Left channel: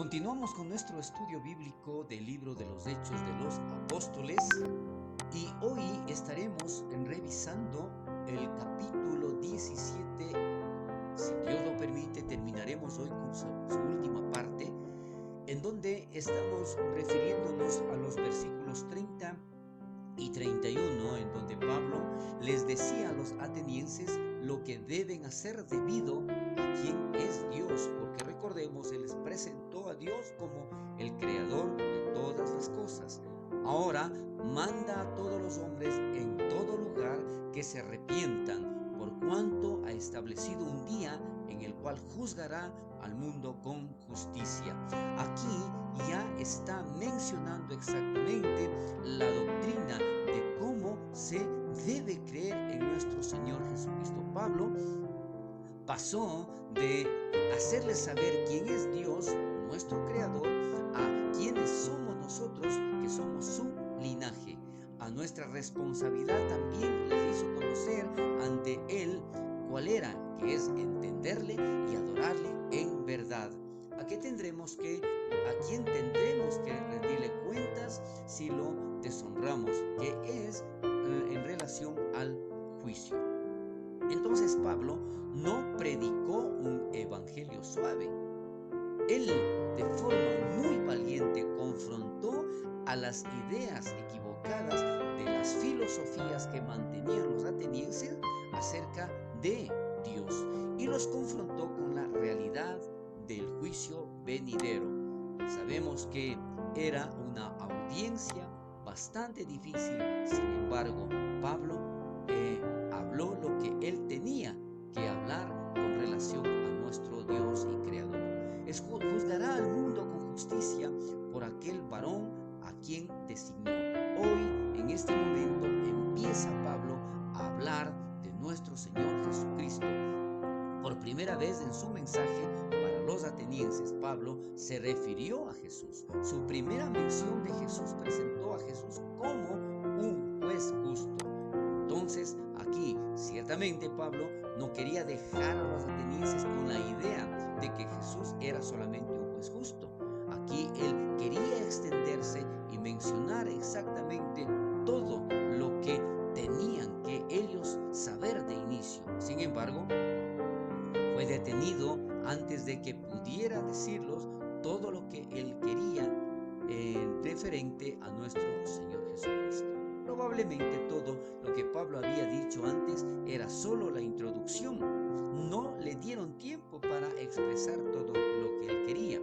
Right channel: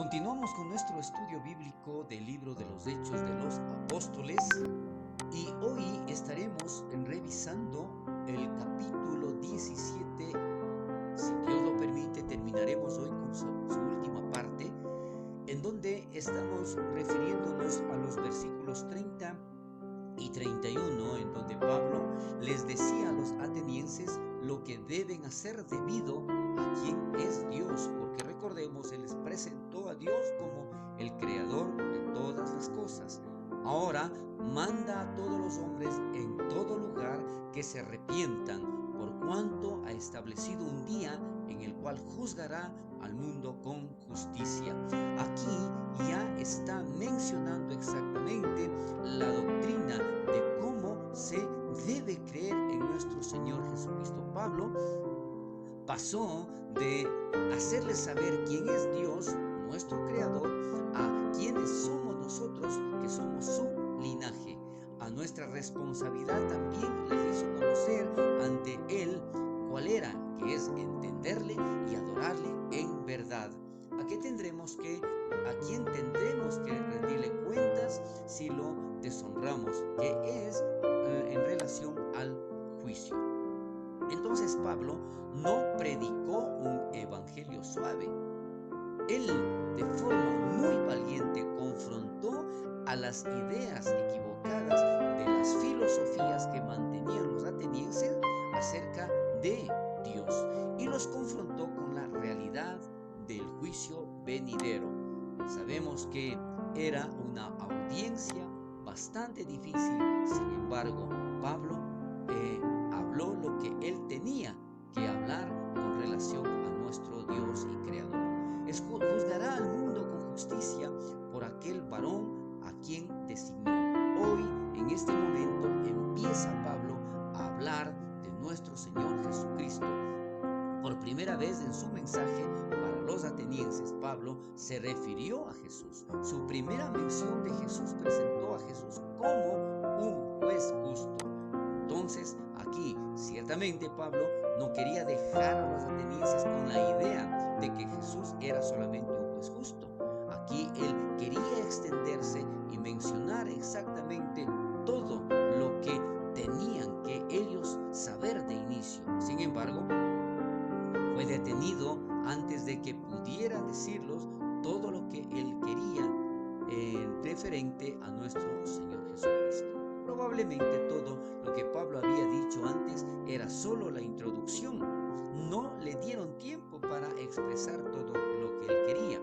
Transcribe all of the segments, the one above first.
Continuamos con nuestro estudio bíblico del libro de los Hechos de los Apóstoles y hoy estaremos revisando el capítulo 17. Si Dios lo permite, terminaremos hoy con su última parte, en donde estamos refiriéndonos a los versículos 30 y 31, en donde Pablo les decía a los atenienses lo que deben hacer debido a quién es Dios, porque recordemos, Él les presentó a Dios como el creador de todas las cosas. Ahora manda a todos los hombres en todo lugar que se arrepientan, por cuanto ha establecido un día en el cual juzgará al mundo con justicia. Aquí ya está mencionando exactamente la doctrina de cómo se debe creer en nuestro Señor Jesucristo. Pablo pasó de hacerles saber quién es Dios, nuestro creador, a quiénes somos nosotros, que somos su linaje. A nuestra responsabilidad también les hizo conocer ante Él cuál era, que es entenderle y adorarle en verdad. ¿A quién tendremos que rendirle cuentas si lo deshonramos? Que es en relación al juicio. Entonces Pablo no predicó un evangelio suave. Él, de forma muy valiente, confrontó a las ideas equivocadas de las filosofías que mantenían los atenienses acerca de Dios y los confrontó con la realidad del juicio venidero. Sabemos que era una audiencia bastante difícil, sin embargo, Pablo habló lo que él tenía que hablar con relación a nuestro Dios y Creador. Juzgará al mundo con justicia por aquel varón a quien designó. Hoy, en este momento, empieza Pablo a hablar de nuestro Señor Jesucristo. Por primera vez en su mensaje para los atenienses, Pablo se refirió a Jesús. Su primera mención de Jesús presentó a Jesús como un juez justo. Entonces, aquí, ciertamente Pablo no quería dejar a los atenienses con la idea de que Jesús era solamente un juez justo. Aquí él quería extenderse y mencionar exactamente todo lo que tenían que ellos saber de inicio. Sin embargo, fue detenido antes de que pudiera decirlos todo lo que él quería referente a nuestro Señor Jesucristo. Probablemente todo lo que Pablo había dicho antes era solo la introducción. No le dieron tiempo para expresar todo lo que él quería.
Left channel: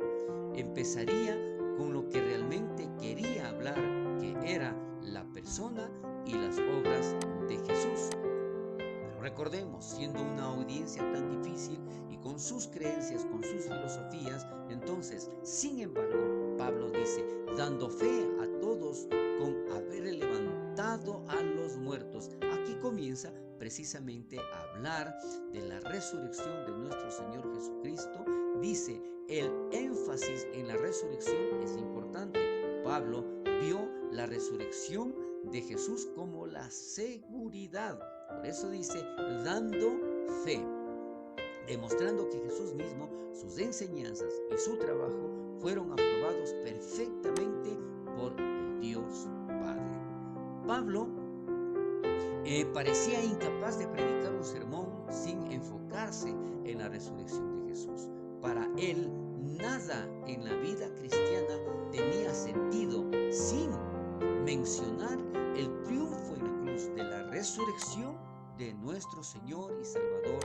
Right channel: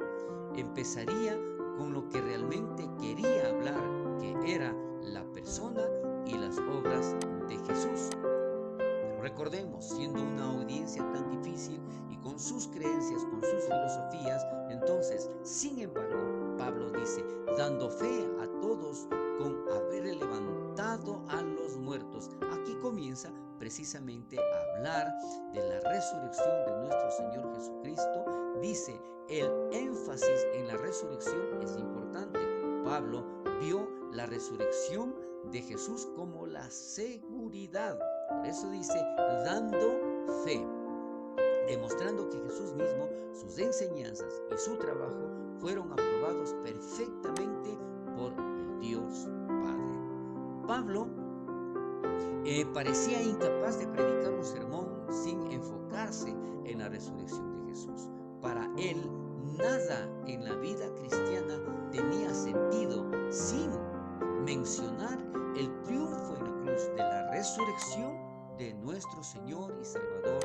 Empezaría con lo que realmente quería hablar, que era la persona y las obras de Jesús. Recordemos, siendo una audiencia tan difícil y con sus creencias, con sus filosofías, entonces, sin embargo, Pablo dice, dando fe a todos con haber levantado a los muertos. Aquí comienza precisamente a hablar de la resurrección de nuestro Señor Jesucristo. Dice, el énfasis en la resurrección es importante. Pablo vio la resurrección de Jesús como la seguridad. Por eso dice, dando fe, demostrando que Jesús mismo, sus enseñanzas y su trabajo fueron aprobados perfectamente por el Dios Padre. Pablo parecía incapaz de predicar un sermón sin enfocarse en la resurrección de Jesús. Para él, nada en la vida cristiana tenía sentido sin mencionar el triunfo en la cruz de la resurrección de nuestro Señor y Salvador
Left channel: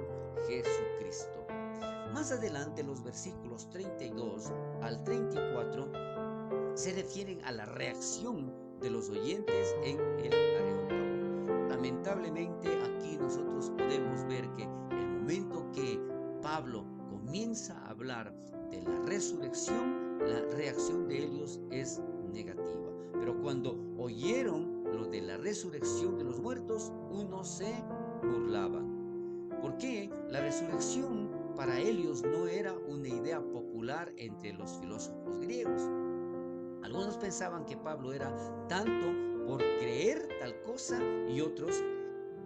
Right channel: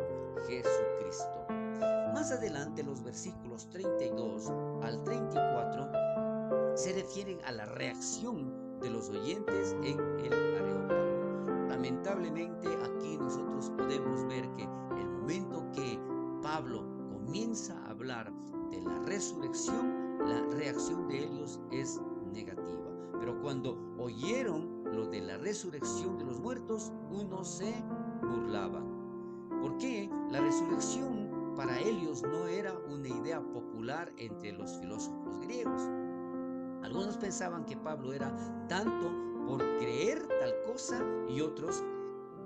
Jesucristo. Más adelante, los versículos 32 al 34 se refieren a la reacción de los oyentes en el Areópago. Lamentablemente, aquí nosotros podemos ver que el momento que Pablo comienza a hablar de la resurrección, la reacción de ellos es negativa. Pero cuando oyeron lo de la resurrección de los muertos, unos se burlaban. ¿Por qué? La resurrección para ellos no era una idea popular entre los filósofos griegos. Algunos pensaban que Pablo era tanto por creer tal cosa y otros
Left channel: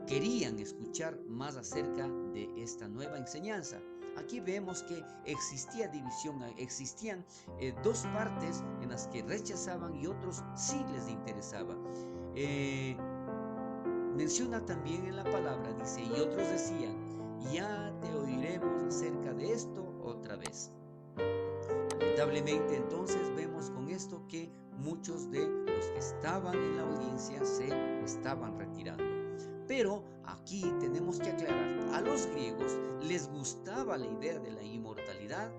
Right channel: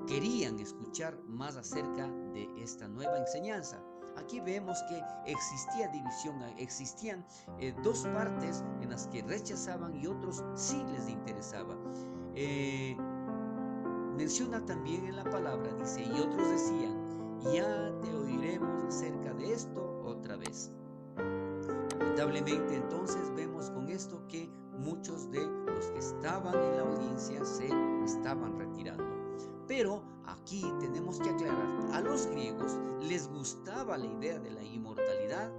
querían escuchar más acerca de esta nueva enseñanza. aquí vemos que existía división, existían dos partes en las que rechazaban y otros sí les interesaba. Menciona también en la palabra, dice, y otros decían, ya te oiremos acerca de esto otra vez. Lamentablemente entonces vemos con esto que muchos de los que estaban en la audiencia se estaban retirando. Pero aquí tenemos que aclarar, a los griegos les gustaba la idea de la inmortalidad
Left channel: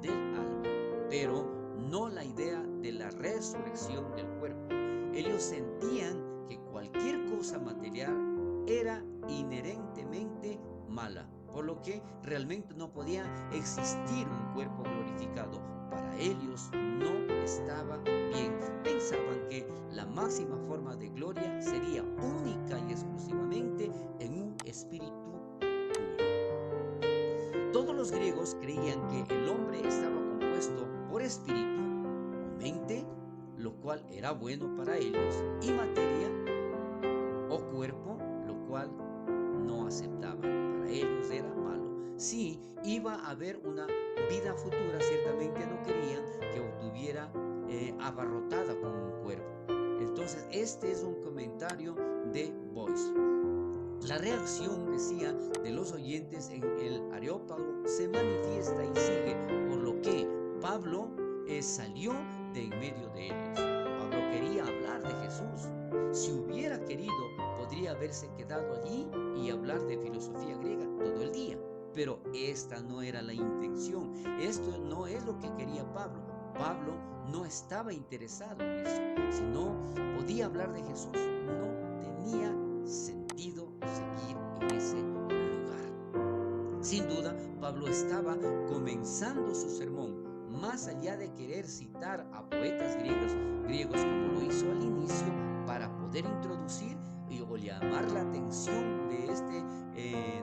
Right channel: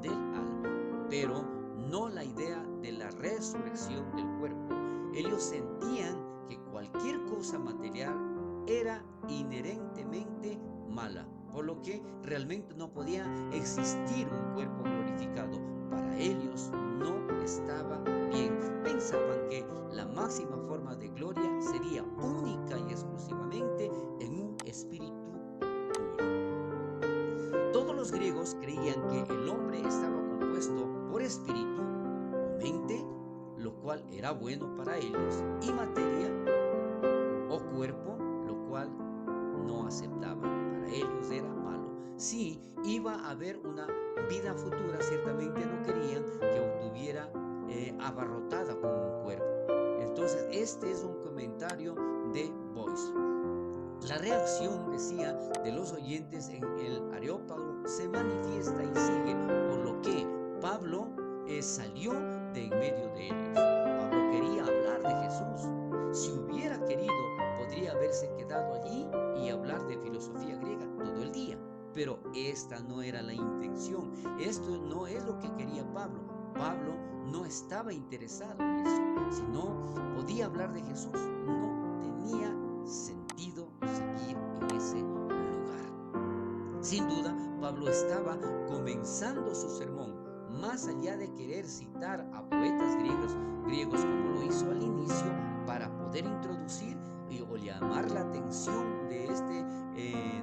del alma, pero no la idea de la resurrección del cuerpo. Ellos sentían que cualquier cosa material era inherentemente mala, por lo que realmente no podía existir un cuerpo glorificado. Para ellos no estaba bien. Pensaban que la máxima forma de gloria sería única y exclusivamente en un espíritu puro. Todos los griegos creían que el hombre estaba compuesto por espíritu o mente, lo cual era bueno para ellos, y materia o cuerpo, lo cual no aceptaban. Para ellos era malo. Sí, iba a haber una vida futura, ciertamente no querían que estuviera abarrotada con un cuerpo. Entonces, este es un comentario de Boyce. La reacción, decía, de los oyentes en el Areópago se manifiesta y sigue, por lo que Pablo salió de en medio de ellos. Pablo quería hablar de Jesús. Si hubiera querido, podría haberse quedado allí y hablar de filosofía griega todo el día. Pero esta no era la intención. Esto no es lo que quería Pablo. Pablo no estaba interesado en eso. Si no podía hablar de Jesús, no tenía sentido seguir en ese lugar. Sin duda, Pablo estaba comenzando su sermón. Más allá de querer citar a poetas griegos como lo hizo al inicio, para poder introducir o llamar la atención de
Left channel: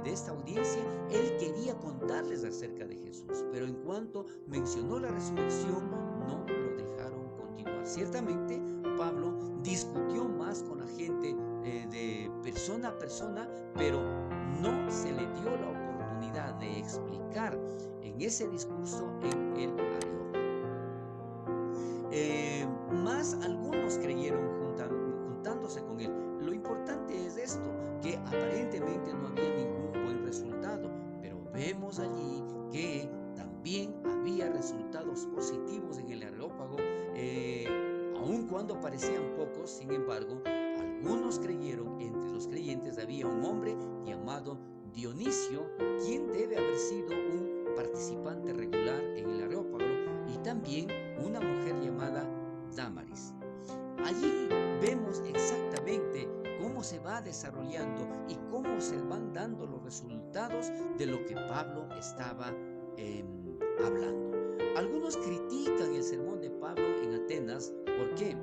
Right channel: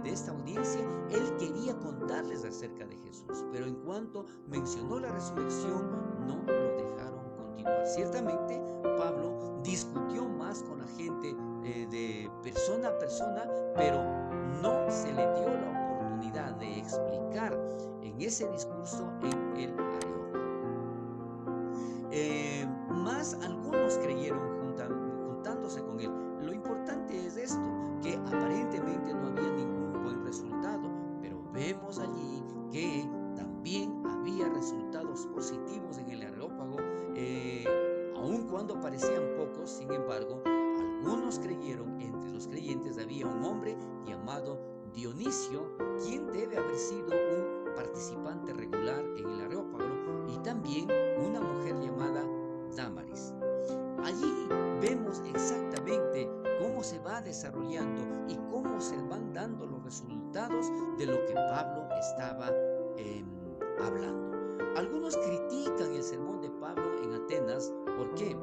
esta audiencia, él quería contarles acerca de Jesús. Pero en cuanto mencionó la resurrección, no lo dejaron continuar. Ciertamente, Pablo discutió más con la gente de persona a persona, pero no se le dio la oportunidad de explicar en ese discurso en el Areópago. Más algunos creyeron juntándose con él. Lo importante es esto, que aparentemente no había ningún buen resultado, pero vemos allí que también había resultados positivos en el Areópago, aun cuando parecían pocos. Sin embargo, algunos creyeron. Entre los creyentes había un hombre llamado Dionisio, quien debe haber sido un participante regular en el Areópago, y también una mujer llamada Dámaris. Allí vemos exactamente cómo se va desarrollando y cómo se van dando los resultados de lo que Pablo estaba hablando. Algunos critican el sermón de Pablo en Atenas porque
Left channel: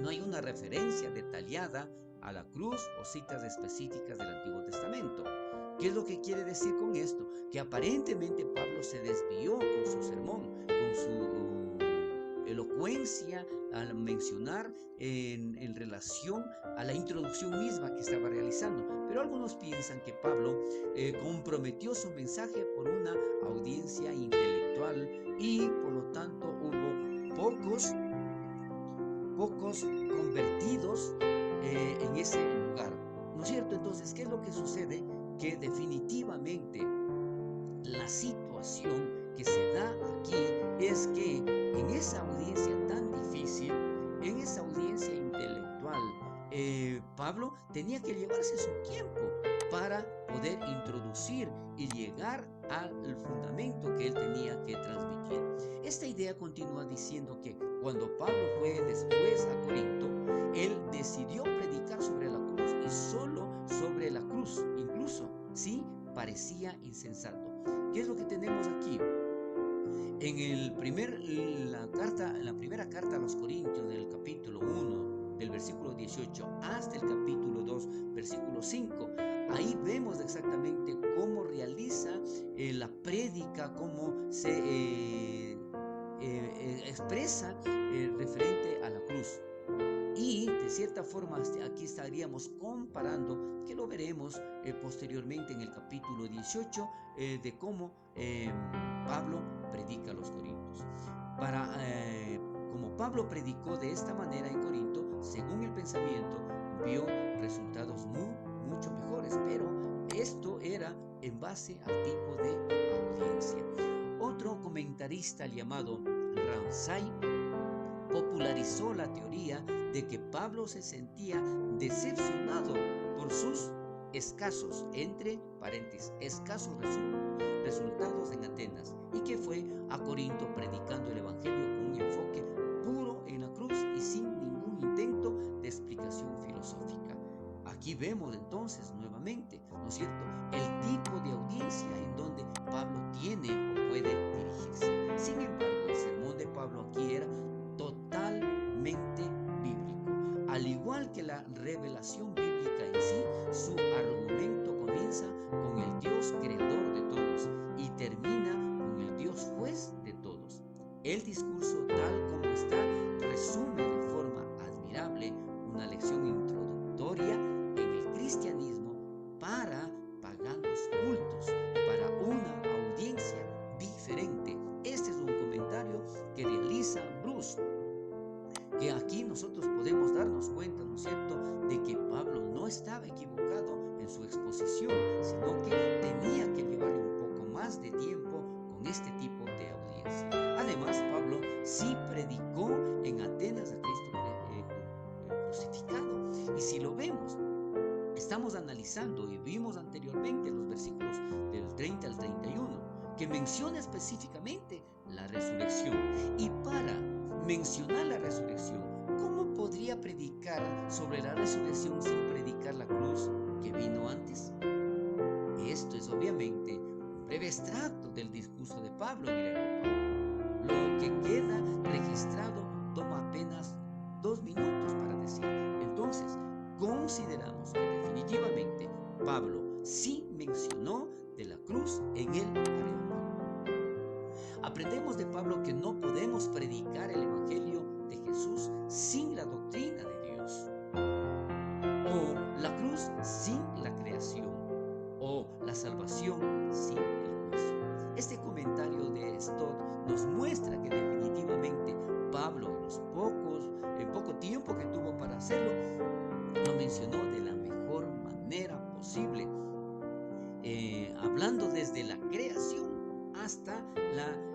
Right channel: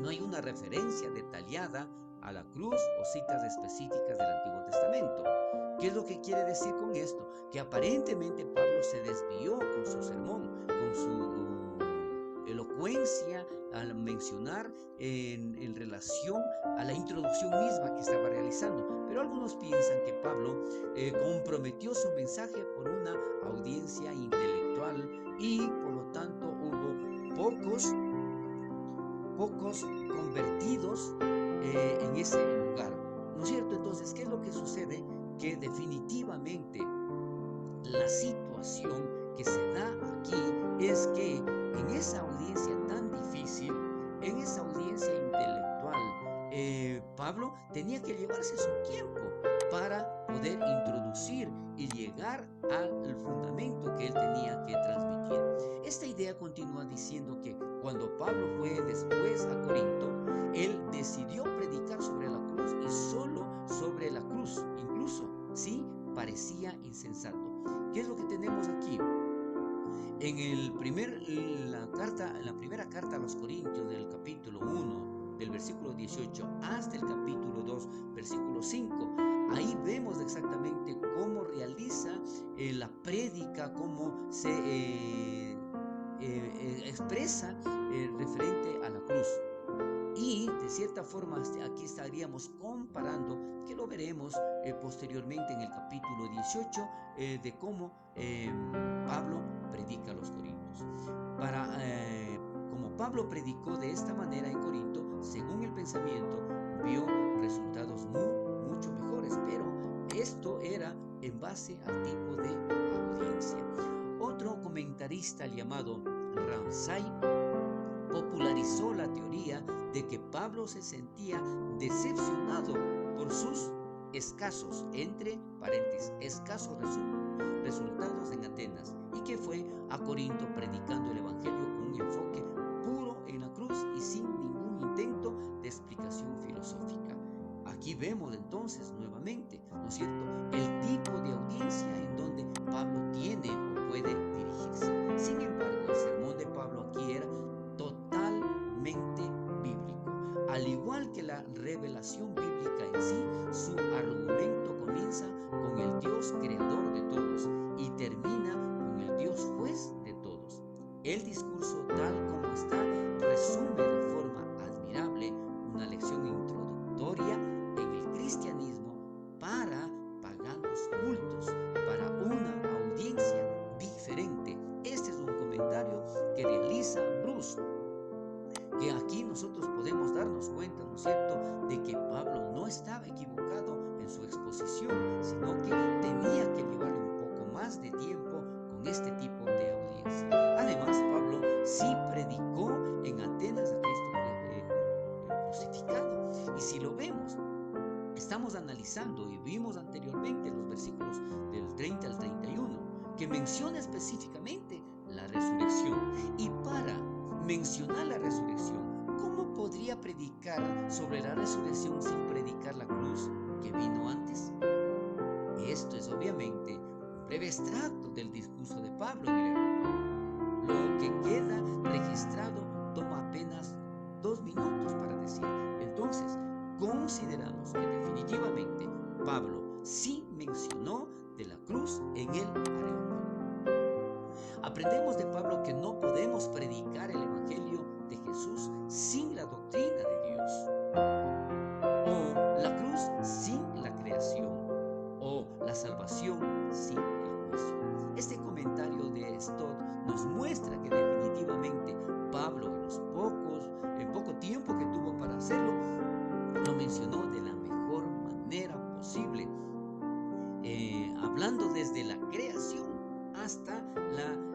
no hay una referencia detallada a la cruz o citas específicas del Antiguo Testamento. ¿Qué es lo que quiere decir con esto? Que aparentemente Pablo se desvió con su sermón, con su elocuencia al mencionar en relación a la introducción misma que estaba realizando. Pero algunos piensan que Pablo comprometió su mensaje por una audiencia intelectual y por lo tanto hubo pocos convertidos en ese lugar, ¿no es cierto? Entonces, ¿qué es lo que sucede? Que definitivamente la situación que se da aquí es que en esa audiencia tan difícil, en esa audiencia intelectual, Pablo tenía que llevarse su tiempo para poder introducir y llegar al fundamento que él tenía que transmitir. Esta idea continúa diciendo que cuando Pablo fue después a Corinto, él decidió predicar sobre la cruz y solo sobre la cruz, incluso si parecía insensato. ¿Qué es lo que tenemos aquí? En la primera carta a los Corintios, del capítulo 1, del versículo 18 hasta el capítulo 2, versículo 5, ahí vemos exactamente cómo realiza la prédica, cómo se expresa referente a la cruz. Y de cierta forma aquí estaríamos comparando, que lo veremos posteriormente en el capítulo 18, de cómo Pablo predica a los corintios. Como Pablo predicó de esta manera en Corinto, según el pensamiento, vio resultados mucho mejores, pero esto era en base al tipo de audiencia. Otro comentarista llamado Ramsay popularizó la teoría de que Pablo se sentía decepcionado por sus escasos, entre paréntesis, escasos resultados en Atenas, y que fue a Corinto predicando el evangelio con un enfoque puro en la cruz y sin ningún intento de explicación filosófica. Aquí vemos entonces nuevamente, ¿no es cierto?, el tipo de audiencia en donde Pablo tiene o puede dirigirse. Sin embargo, el sermón de Pablo aquí era totalmente bíblico. Al igual que la revelación bíblica en sí, su argumento comienza con el Dios creador de todos y termina con el Dios juez de todos. El discurso tal como está resume de forma admirable una lección introductoria en el cristianismo para paganos cultos, para una audiencia diferente. Este es un comentario que realiza Bruce, que aquí nosotros podemos darnos cuenta, ¿no es cierto?, de que Pablo no estaba equivocado en su exposición, sino que tenía que llevarle un poco más de tiempo con este tipo de audiencia. Además, Pablo sí predicó en Atenas a Cristo crucificado. Y si lo vemos, estamos analizando y vimos anteriormente los versículos del 30 al 31, que menciona específicamente la resurrección. Y para mencionar la resurrección, ¿cómo podría predicar sobre la resurrección sin predicar la cruz que vino antes? Esto es obviamente un breve extracto del discurso de Pablo en el Areópago. Lo que queda registrado toma apenas 2 minutos para decir. Entonces, consideramos que definitivamente Pablo sí mencionó de la cruz en el Areópago. Aprendemos de Pablo que no podemos predicar el evangelio de Jesús sin la doctrina de Dios, o la cruz sin la creación, o la salvación sin el juicio. Este comentario de Stott nos muestra que definitivamente Pablo en poco tiempo que tuvo para hacerlo, lo mencionó de la mejor manera posible, hablando desde la creación hasta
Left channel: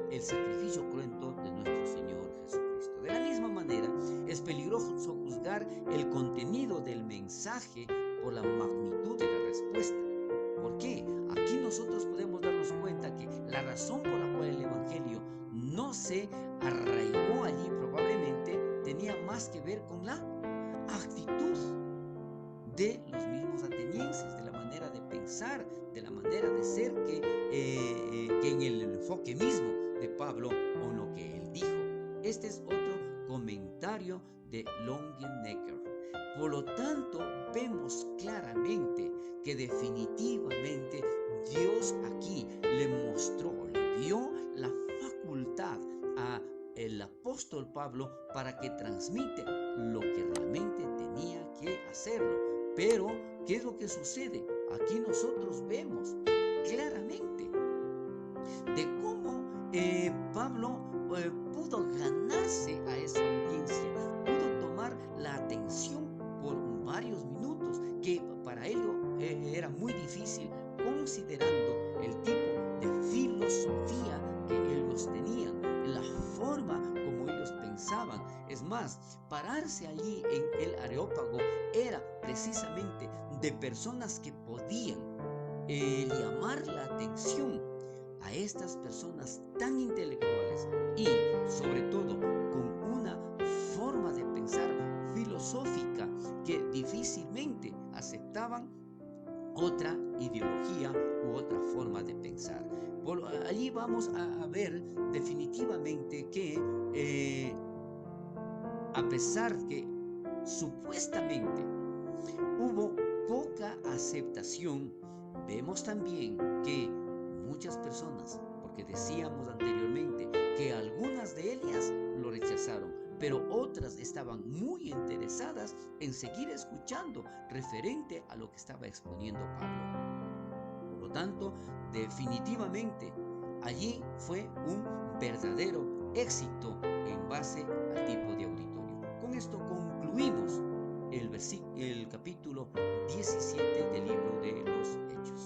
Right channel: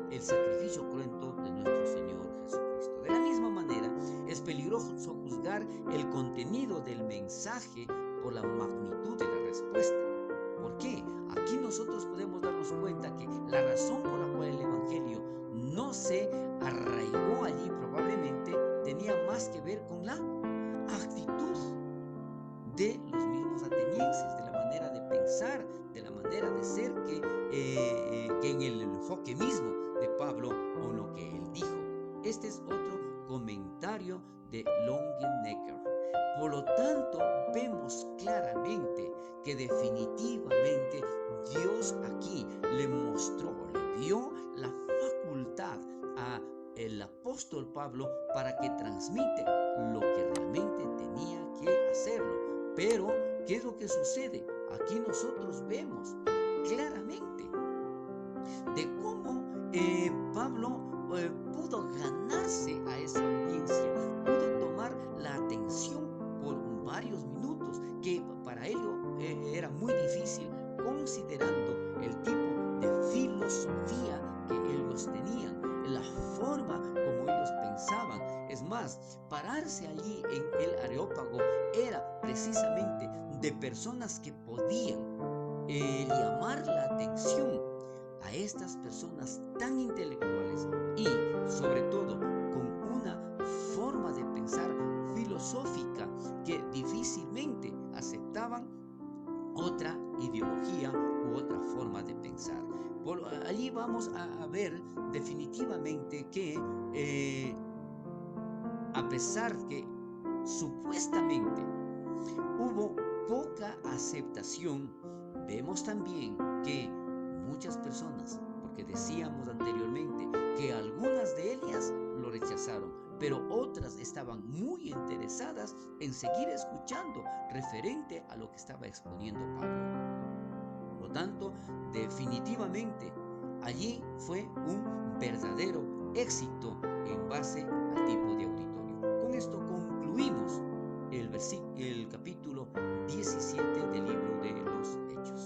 el sacrificio cruento de nuestro Señor Jesucristo. De la misma manera, es peligroso juzgar el contenido del mensaje por la magnitud de la respuesta. ¿Por qué? Aquí nosotros podemos darnos cuenta que la razón por la cual el evangelio no se arraigó allí probablemente tenía más que ver con la actitud de los mismos atenienses, de la manera de pensar, de la manera de ser, que en el enfoque mismo de Pablo o lo que él dijo. Este es otro comentario de Longenecker. Por lo tanto, vemos claramente que definitivamente Dios aquí le mostró, le dio la facultad a el apóstol Pablo para que transmite lo que realmente tenía que hacerlo. Pero, ¿qué es lo que sucede? Aquí nosotros vemos claramente de cómo Pablo pudo ganarse a esa audiencia, pudo tomar la atención por varios minutos, que para ello era muy difícil, considerando el tipo de filosofía que ellos tenían, la forma como ellos pensaban. Es más, pararse allí en el Areópago era precisamente de personas que podían llamar la atención a estas personas tan intelectuales y sobre todo con una forma de pensar filosófica que difícilmente aceptaban otra ideología u otra forma de pensar. Por allí vamos a ver definitivamente que a pesar que supuestamente hubo poca aceptación, vemos también que muchas personas, porque decíamos anteriormente que algunas de ellas lo rechazaron, pero otras estaban muy interesadas en seguir escuchando referente a lo que estaba exponiendo Pablo. Por lo tanto, definitivamente allí fue un verdadero éxito en base al tipo de auditorio. Con esto concluimos el capítulo 17 del libro de los Hechos.